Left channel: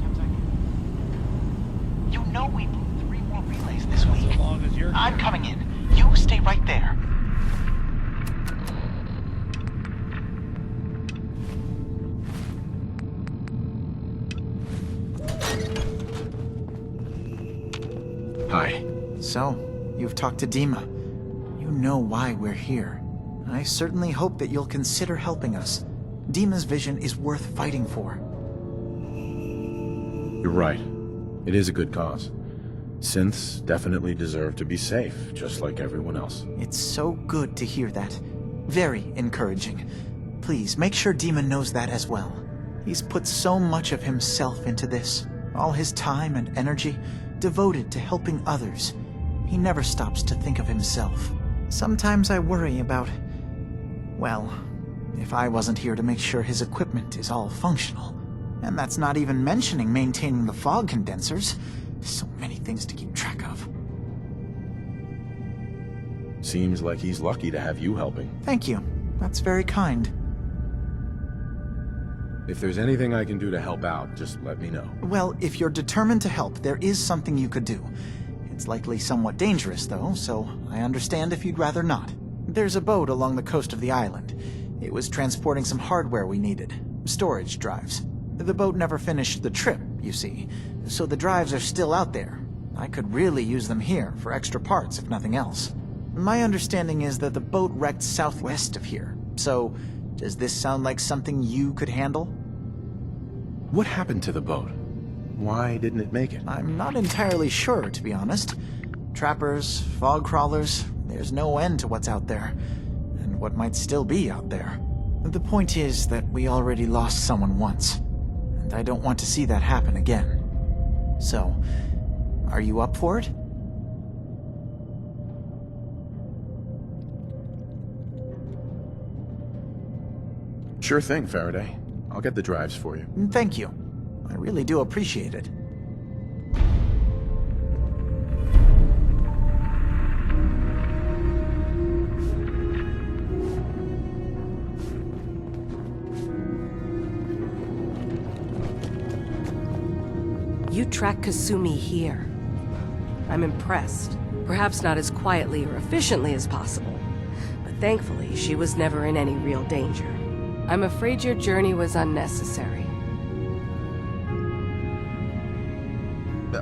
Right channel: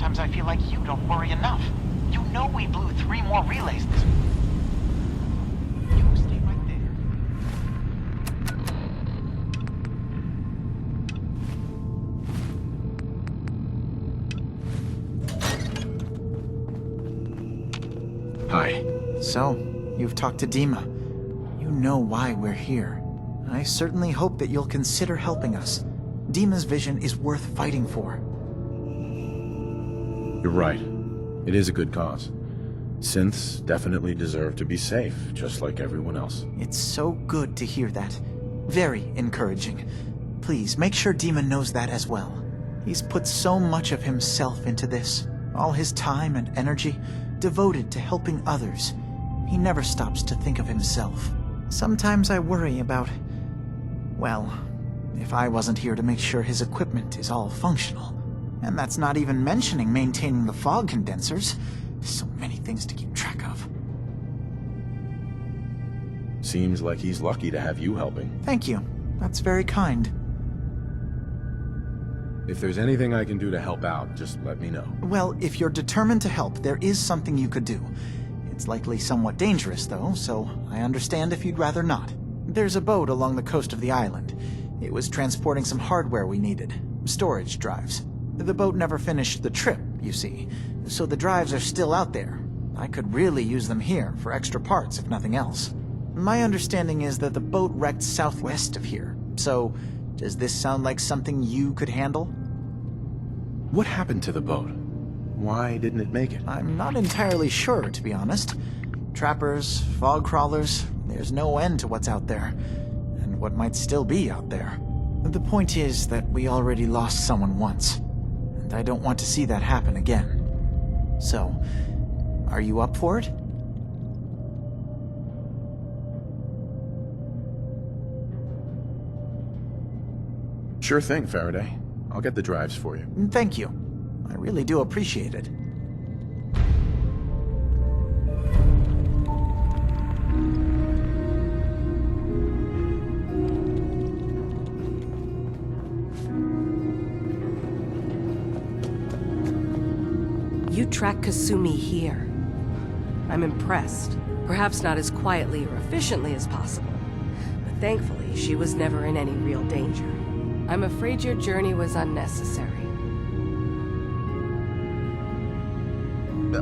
sometimes I feel like you don't worry enough. You know we blew 3 more relays this week. I'm coming in. You stay right there. Hi. So, you've talked to Dima. You know why we're here. I certainly hope that you'll consider helping us. Dima's vision is worth fighting for. You're right. It is a good cause. Synths definitely deserve to be safe, just like everyone else. It's so good to hear that. Very encouraging. Please, make sure Dima knows that as well. He's put so much of himself into this. All his time and energy devoted to helping others. He never stops to think of himself. Sometimes I worry about... well, if I wasn't here to make sure his equipment is all functional. And that's not even mentioning maintaining the fog condensers. So many things to keep track of. Seems like he's lucky to have you helping. Thank you. That's very kind. If there's anything I can do to help out, just let me know. Well, if you're determined to help, there is something you could do. It's likely somewhat dangerous, though, so I understand if you'd rather not. There's a boat along the coast of the island. It was transporting some hardware we needed. Storage drives. The boat never finished the trip, you see, so the drives are still out there. I could really use them here for extra parts, if nothing else. My understanding is that the boat wrecked southwest of here, so does this sound like something you could handle? What happened to the boat? Why didn't it make it? I'm not entirely sure, to be honest. Trappers, fog crawlers, there's no end to what's out there, and what might still be out there. The point is that we already lost someone once, and I don't want to see that happen again. So, are you up for it? Sure thing, Faraday. I'll get the drives for you. Thank you. I really do appreciate it. You track Kasumi here. I'm impressed. Perhaps not as quietly or efficiently as possible, but thankfully she was never in any real danger. I'm afraid your journey was unnecessary.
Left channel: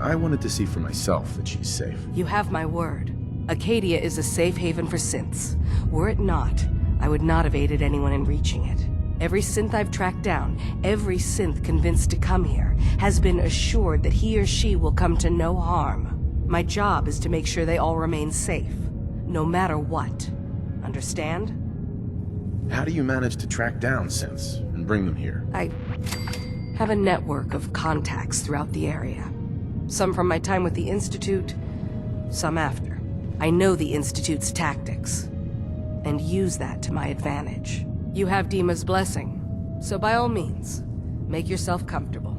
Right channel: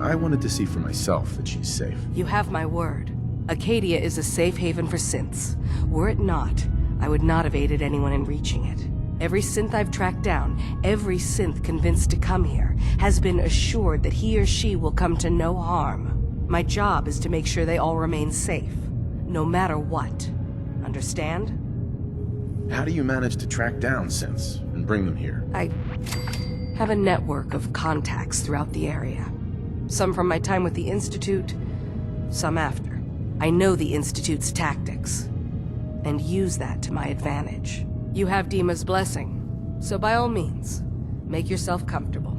I wanted to see for myself that she's safe. You have my word. Acadia is a safe haven for synths. Were it not, I would not have aided anyone in reaching it. Every synth I've tracked down, every synth convinced to come here, has been assured that he or she will come to no harm. My job is to make sure they all remain safe, no matter what. Understand? How do you manage to track down synths and bring them here? I have a network of contacts throughout the area. Some from my time with the Institute, some after. I know the Institute's tactics, and use that to my advantage. You have Dima's blessing, so by all means, make yourself comfortable.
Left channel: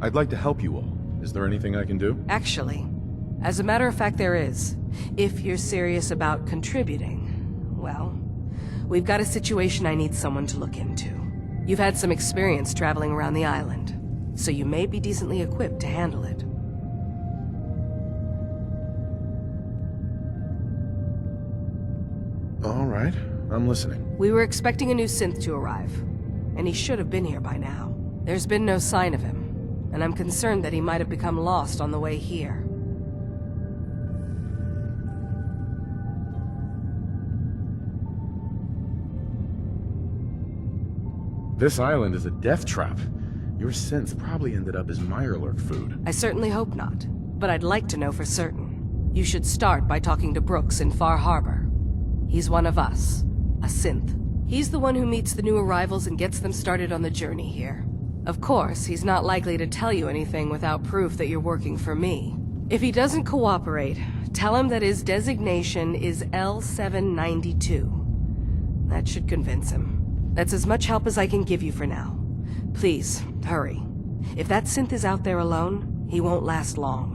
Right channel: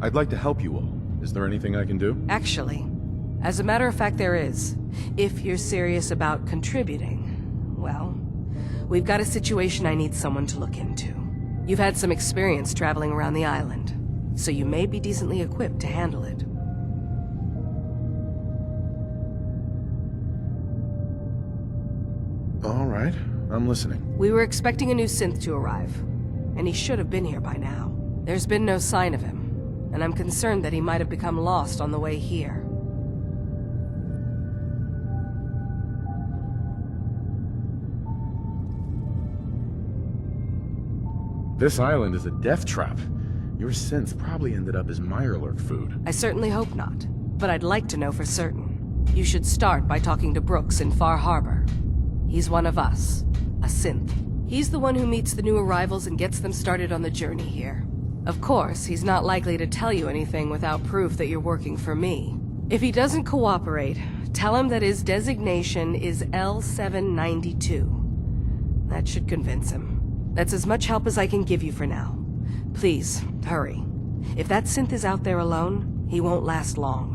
I'd like to help you all. Is there anything I can do? Actually, as a matter of fact, there is. If you're serious about contributing, well, we've got a situation I need someone to look into. You've had some experience traveling around the island, so you may be decently equipped to handle it. All right, I'm listening. We were expecting a new synth to arrive, and he should have been here by now. There's been no sign of him, and I'm concerned that he might have become lost on the way here. This island is a death trap. Your synth probably ended up as Mirelurk food. I certainly hope not, but I'd like to know for certain. You should start by talking to Brooks in Far Harbor. He's one of us, a synth. He's the one who meets the new arrivals and gets them started on the journey here. Of course, he's not likely to tell you anything without proof that you're working for me. If he doesn't cooperate, tell him that his designation is L792. That should convince him. That's as much help as I can give you for now. Please, hurry. If that synth is out there alone, he won't last long.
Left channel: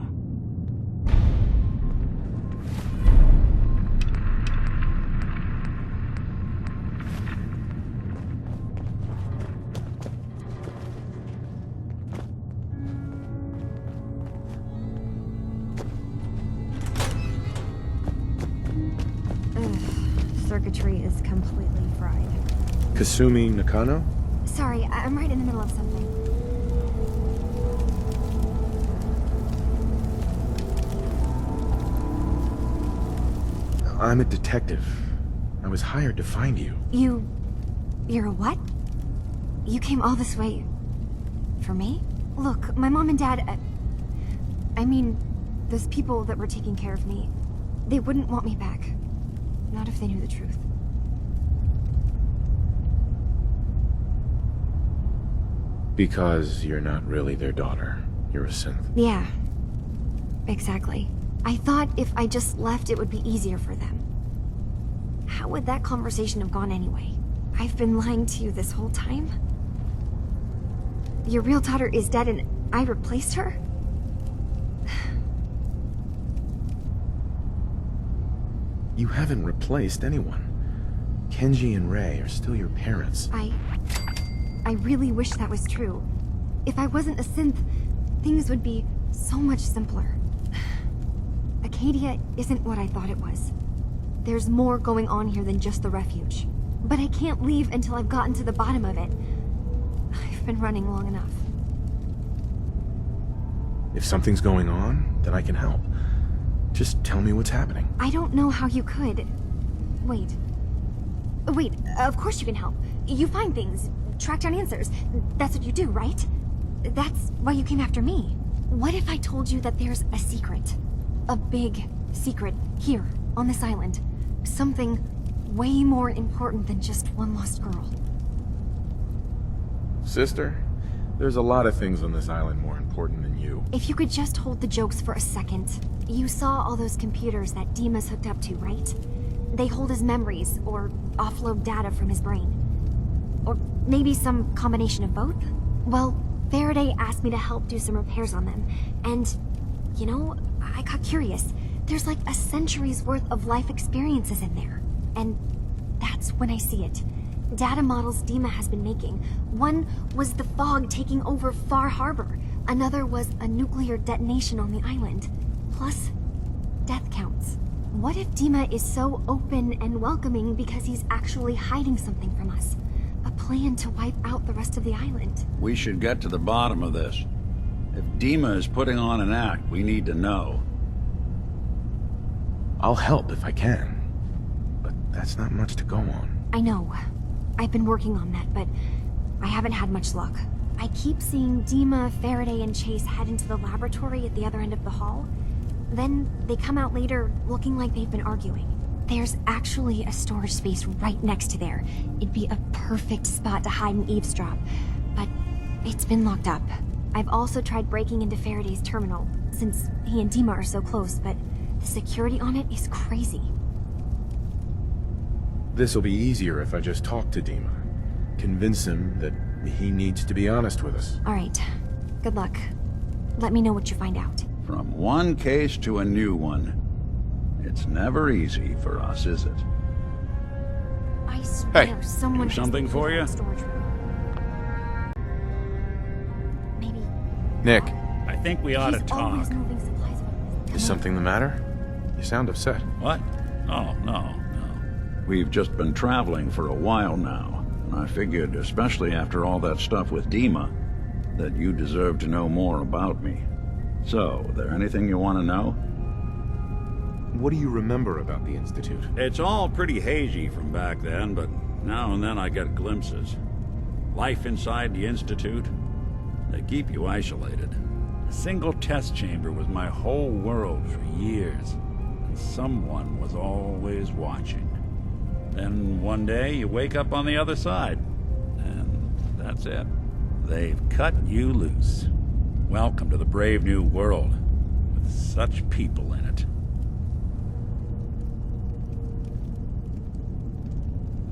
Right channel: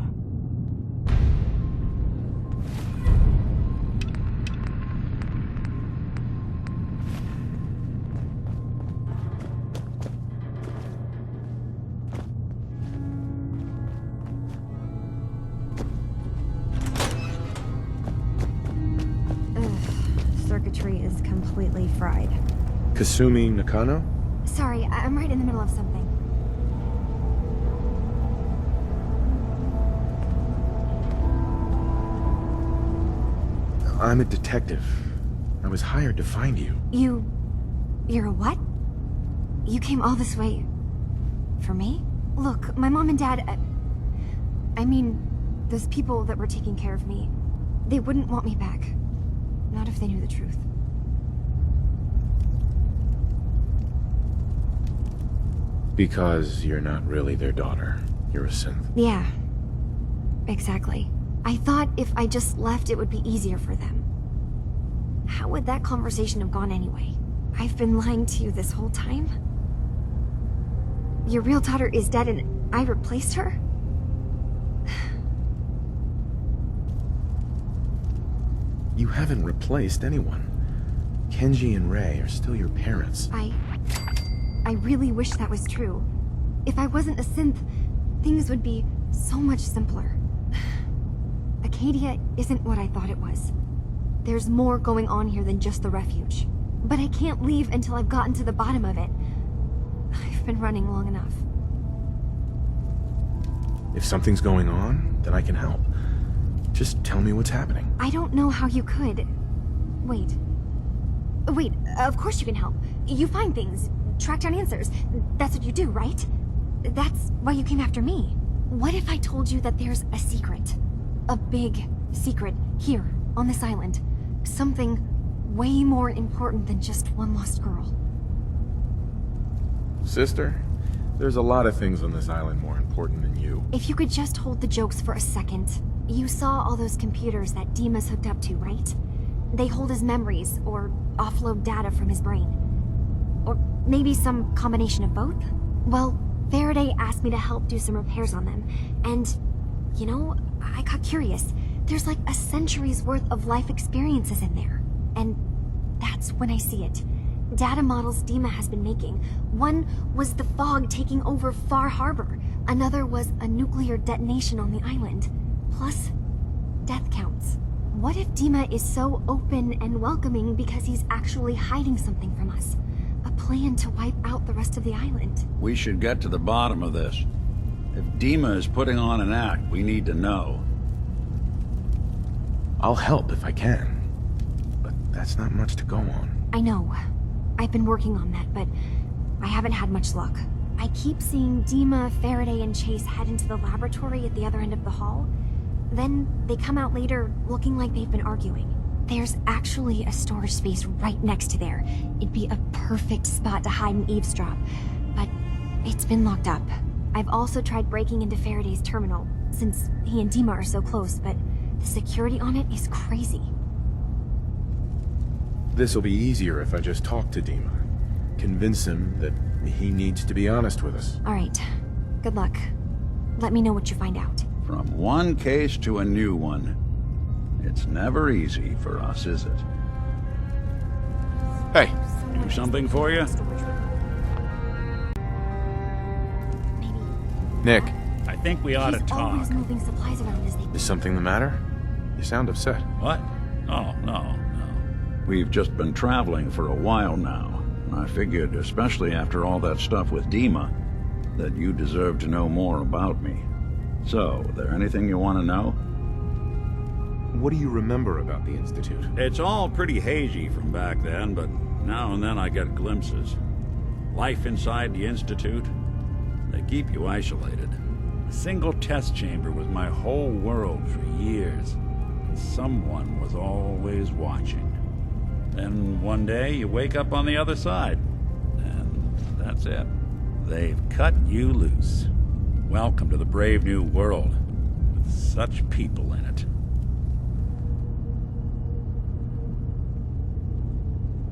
circuitry is completely fried. Kasumi Nakano? Sorry, I'm right in the middle of something. I'm a detective. I was hired to find you. You're a what? You came all this way... for me? Look, my mom and dad... I mean, those people that were taking care of me, they wouldn't want me back. Not if they knew the truth. Because you're not really their daughter. You're a synth. Yeah. Exactly. I thought if I just left, it would be easier for them. How would that conversation have gone anyway? I've been lying to you this whole time? Your real daughter is dead and I replaced her? You haven't replaced anyone. Kenji and Rei are still your parents. I really wish that was true. If I wasn't a synth, things would be so much simpler. Acadia isn't what I thought it was. There's more going on here than just the refuge. But I can't leave until I've gotten to the bottom of it. I've been running long enough. If something's going on, then I can help. Just tell me what's happening. I don't know how you could. Wait, of course you can help. You find things, track down answers. That's what you do, right? That's why you came after me. What if I told you that there's a secret? A big secret here, on this island. Something way more important than just one lost girl. Sister, there's a lot of things on this island more important than you. If you could just hold the jokes for a second. You saw all those computers that Dima's hooked up to, right? They hold his memories, or offload data from his brain. Or maybe some combination of both? Well, Faraday asked me to help do some repairs on them, and, you know, I got curious. There's like a century's worth of life experiences in there. And that's when I see it. Data models Dima has been making. One was the fog taking over Far Harbor. Another was a nuclear detonation on the island. Plus, death counts. What if Dima is so open and welcoming because he's actually hiding something from us? A plan to wipe out the rest of the island. We should get to the bottom of this. If Dima is putting on an act, we need to know. I'll help if I can. But that's not much to go on. I know. I've been working on that, but I haven't had much luck. I keep seeing Dima, Faraday, and Chase head into the laboratory at the other end of the hall. Then they come out later looking like they've been arguing. There's actually a storage space right next to there. It'd be a perfect spot to hide and eavesdrop, but it's been locked up. I've also tried breaking into Faraday's terminal, since he and Dima are so close, but the security on it is crazy. This'll be easier if I just talk to Dima. Convince him that he needs to be honest with us. All right. Good luck. Let me know what you find out. From one case to a new one. It's never easy for us, is it? I swear Hey, someone do something for you? Storage room. Maybe. Nick, I think we ought to He's talk. always moving supplies around as they come is in. something the matter? You sound upset. What? Oh, no. We've just been traveling for a while now, and I figured, especially after all that stuff with Dima, that you deserve to know more about me. So, there anything you want to know? What do you remember about the Institute? It's all pretty hazy from back then, but now and then I get glimpses. Life inside the Institute, they keep you isolated. A single test chamber was my whole world for years, and someone was always watching. Then one day you wake up on the other side, and that's it. They've cut you loose. Welcome to the brave new world, with such people in it.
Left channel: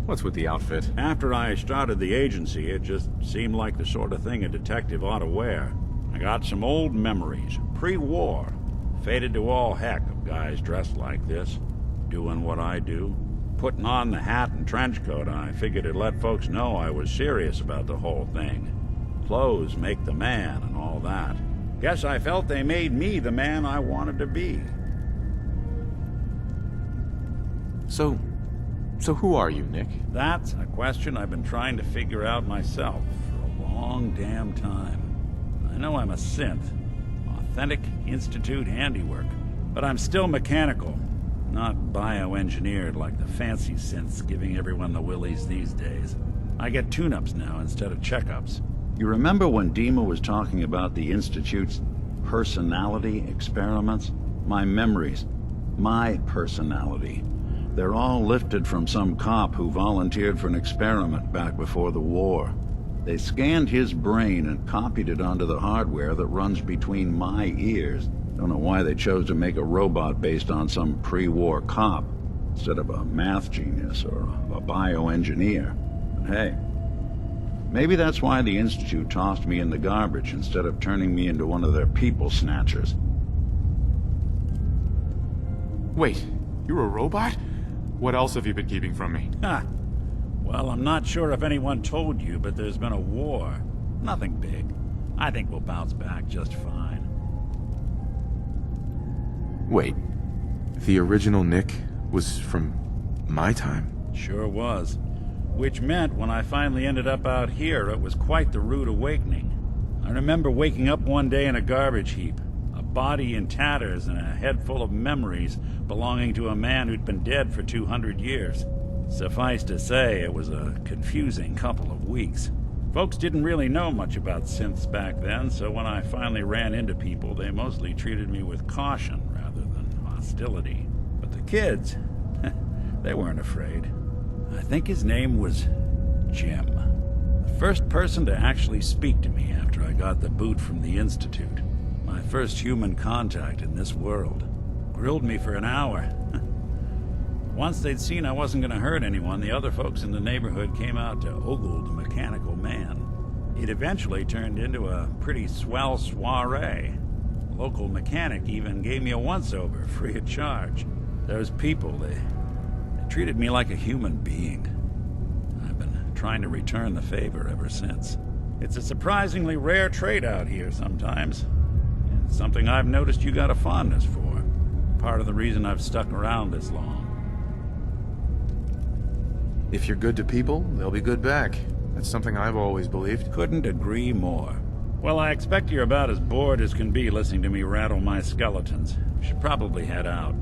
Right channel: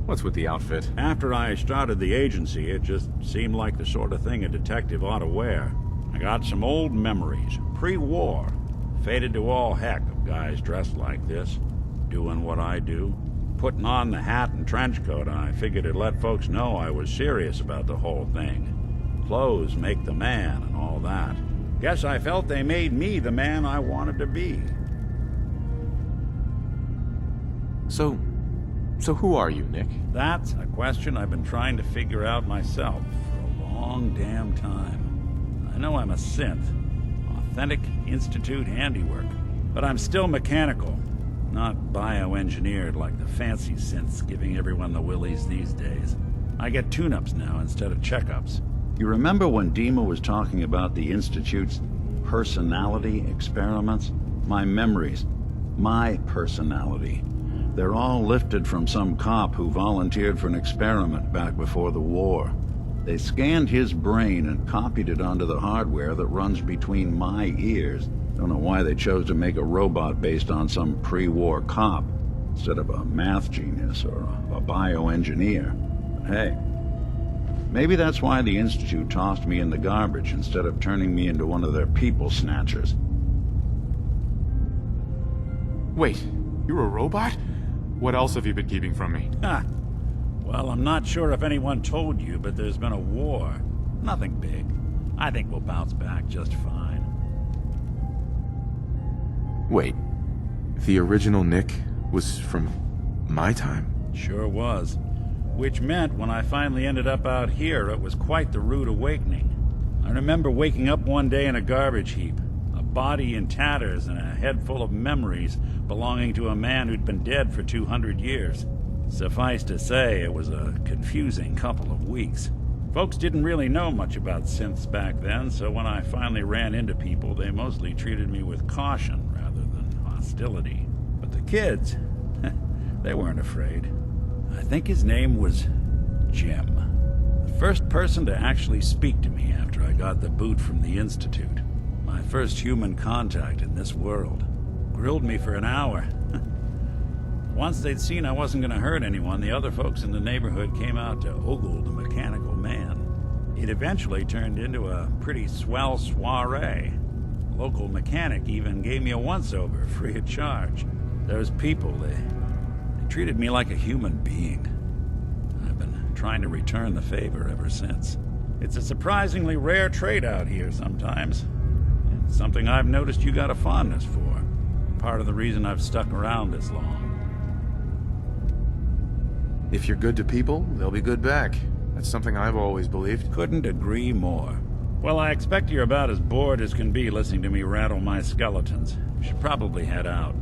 What's with the outfit? After I started the agency, it just seemed like the sort of thing a detective ought to wear. I got some old memories, pre-war. Faded to all heck of guys dressed like this, doing what I do. Putting on the hat and trench coat, I figured it'd let folks know I was serious about the whole thing. Clothes make the man and all that. Guess I felt they made me the man I wanted to be. So, So who are you, Nick? That's a question I've been trying to figure out myself for a long damn time. I know I'm a synth, authentic Institute handiwork, but I'm still mechanical, not bioengineered like the fancy synths giving everyone the willies these days. I get tune-ups now instead of checkups. You remember when Dima was talking about the Institute's personality experiments? My memories. My personality. They're all lifted from some cop who volunteered for an experiment back before the war. They scanned his brain and copied it onto the hardware that runs between my ears. Don't know why they chose to make a robot based on some pre-war cop instead of a math genius or a bioengineer. But hey, maybe that's why the Institute tossed me in the garbage instead of turning me into one of their people snatchers. Wait, you're a robot? What else have you been keeping from me? Ha! Well, I'm not sure if anyone told you, but there's been a war. Nothing big. I think we'll bounce back just fine. Wait, the original Nick was from my time? Sure was. Which meant when I finally ended up out here, it was quite the rude awakening. I remember waking up one day in a garbage heap, a body in tatters and a head full of memories belonging to a man who'd been dead for 200 years. Suffice to say, it was a confusing couple of weeks. Folks didn't really know much about synths back then, so when I finally ran into people, they mostly treated me with caution rather than hostility. But the kids, they weren't afraid. I think his name was Jim. The first person to actually speak to me after I got the boot from the Institute. My first human contact in this world. Grilled me for an hour. Once they'd seen I wasn't going to hurt anyone, the other folks in the neighborhood came out to ogle the mechanical man. It eventually turned into a pretty swell soiree. The local mechanic even gave me a once-over, free of charge. Those people, they treated me like a human being. I've been trying to return the favor ever since. It's a surprisingly rare trait out here sometimes. And something I've noticed you got a fondness for. Part of the reason I've stuck around this long. If you're good to people, they'll be good back. That's something I've always believed. Couldn't agree more. Well, I expect you're about as bored as can be listening to me rattle my skeletons. We should probably head out.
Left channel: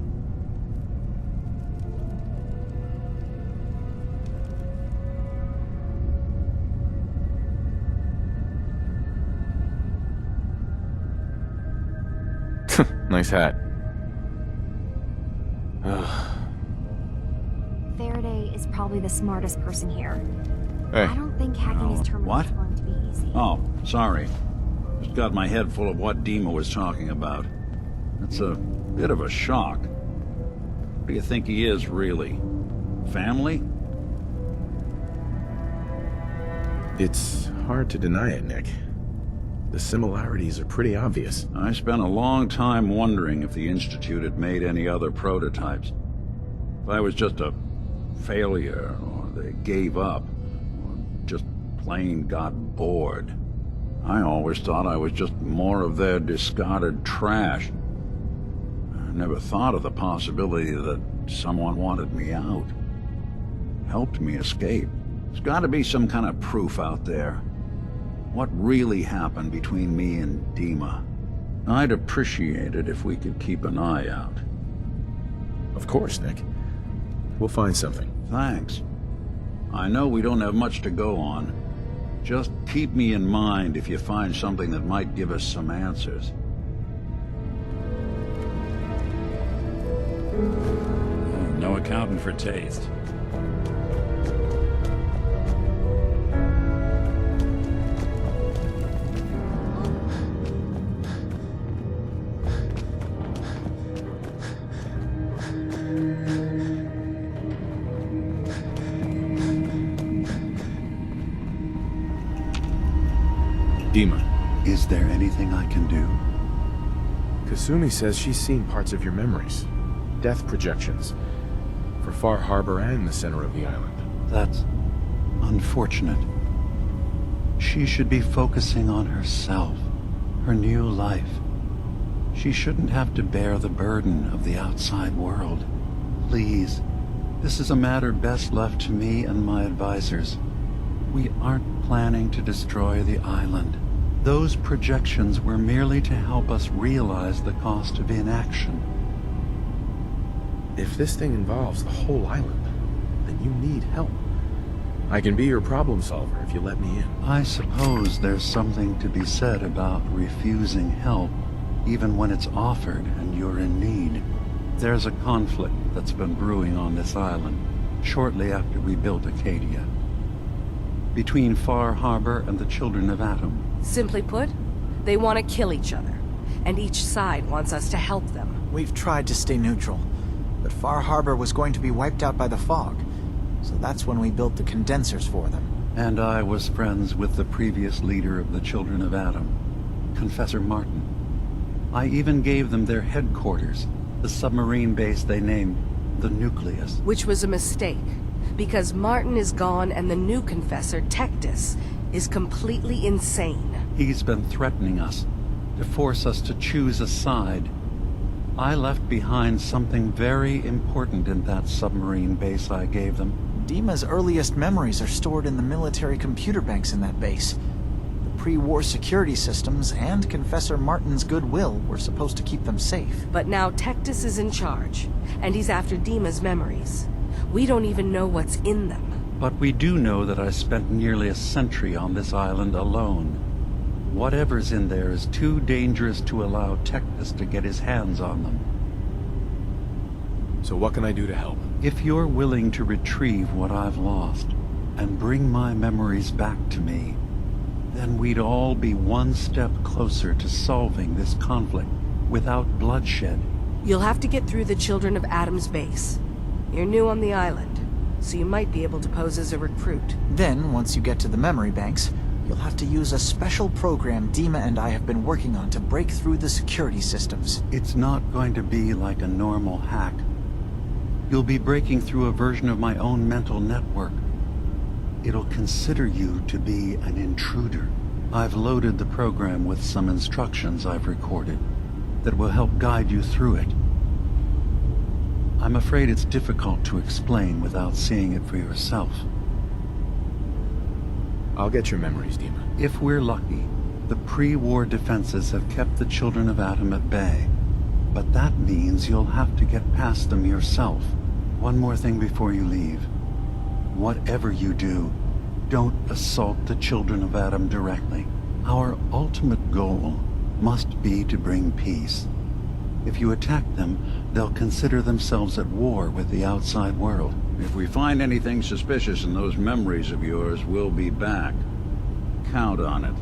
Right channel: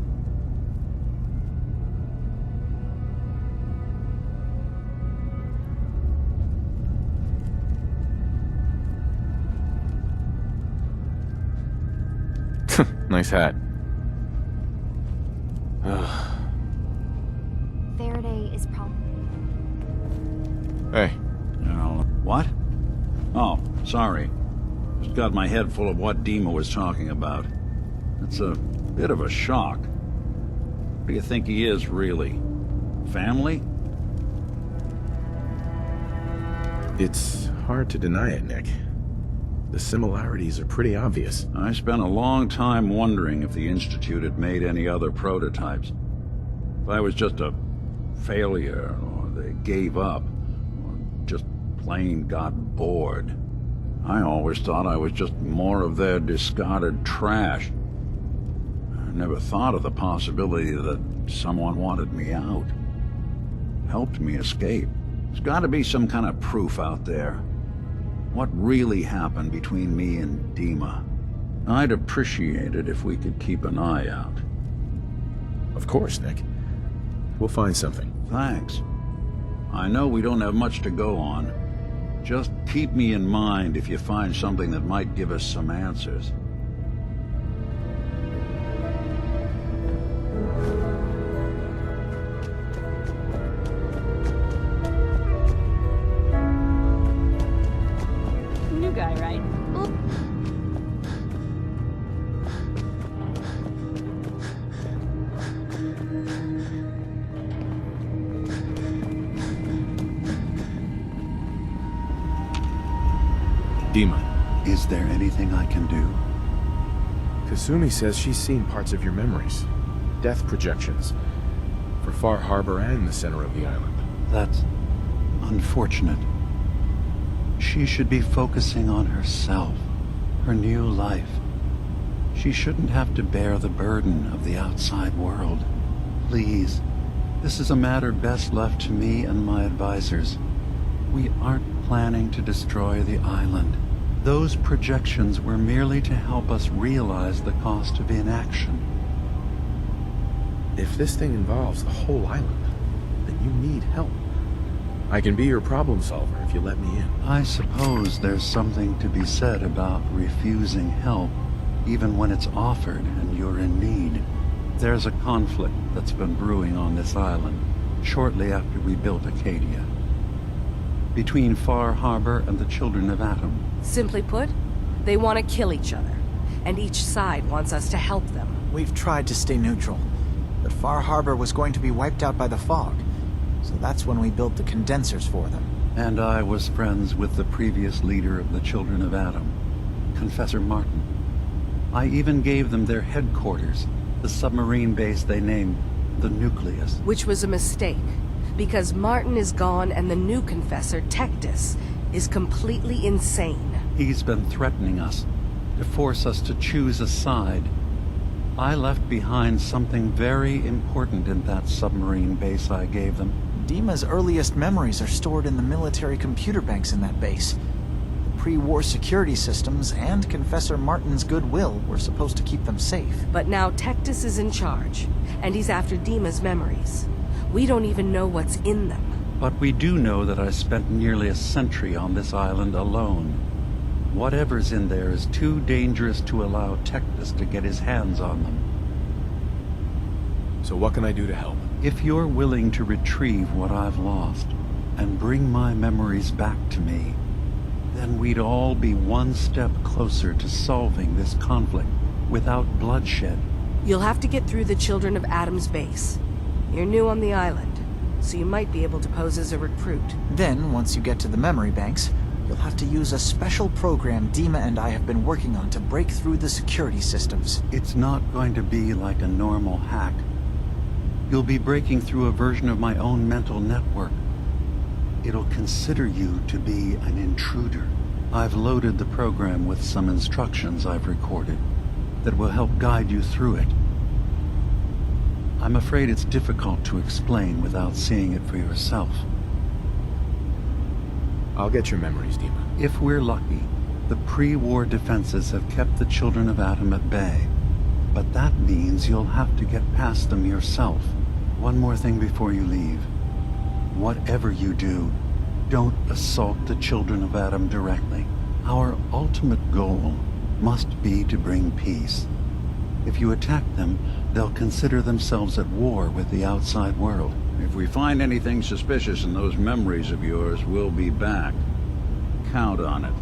Nice hat. Faraday is probably the smartest person here. Hey. I don't think having these terminals what? is going to be easy. Oh, sorry. Just got my head full of what Dima was talking about. That's a bit of a shock. What do you think he is, really? Family? It's hard to deny it, Nick. The similarities are pretty obvious. I spent a long time wondering if the Institute had made any other prototypes. If I was just a failure, or they gave up, or just plain got bored. I always thought I was just more of their discarded trash. I never thought of the possibility that someone wanted me out. Helped me escape. There's got to be some kind of proof out there. What really happened between me and Dima? I'd appreciate it if we could keep an eye out. Of course, Nick. We'll find something. Thanks. I know we don't have much to go on. Just keep me in mind if you find something that might give us some answers. No accounting for taste. New guy, right? Dima. Is there anything I can do? Kasumi says she's seen parts of your memories. Death projections. For Far Harbor and the center of the island. That's unfortunate. She should be focusing on herself, her new life. She shouldn't have to bear the burden of the outside world. Please, This is a matter best left to me and my advisors. We aren't planning to destroy the island. Those projections were merely to help us realize the cost of inaction. If this thing involves the whole island, then you need help. I can be your problem solver if you let me in. I suppose there's something to be said about refusing help, even when it's offered and you're in need. There's a conflict that's been brewing on this island, shortly after we built Acadia, between Far Harbor and the Children of Atom. Simply put, they want to kill each other, and each side wants us to help them. We've tried to stay neutral, but Far Harbor was going to be wiped out by the fog, so that's when we built the condensers for them. And I was friends with the previous leader of the Children of Atom, Confessor Martin. I even gave them their headquarters, the submarine base they named the Nucleus. Which was a mistake, because Martin is gone and the new Confessor, Tectus, is completely insane. He's been threatening us, to force us to choose a side. I left behind something very important in that submarine base I gave them. Dima's earliest memories are stored in the military computer banks in that base. The pre-war security systems and Confessor Martin's goodwill were supposed to keep them safe. But now Tectus is in charge, and he's after Dima's memories. We don't even know what's in them. But we do know that I spent nearly a century on this island alone. Whatever's in there is too dangerous to allow Tectus to get his hands on them. So what can I do to help? If you're willing to retrieve what I've lost, and bring my memories back to me, then we'd all be one step closer to solving this conflict without bloodshed. You'll have to get through the Children of Atom's base. You're new on the island, so you might be able to pose as a recruit. Then, once you get to the memory banks, you'll have to use a special program Dima and I have been working on to break through the security systems. It's not going to be like a normal hack. You'll be breaking through a version of my own mental network. It'll consider you to be an intruder. I've loaded the program with some instructions I've recorded that will help guide you through it. I'm afraid it's difficult to explain without seeing it for yourself. I'll get your memories, Dima. If we're lucky, the pre-war defenses have kept the Children of Atom at bay. But that means you'll have to get past them yourself. One more thing before you leave. Whatever you do, don't assault the Children of Atom directly. Our ultimate goal must be to bring peace. If you attack them, they'll consider themselves at war with the outside world. If we find anything suspicious in those memories of yours, we'll be back. Count on it.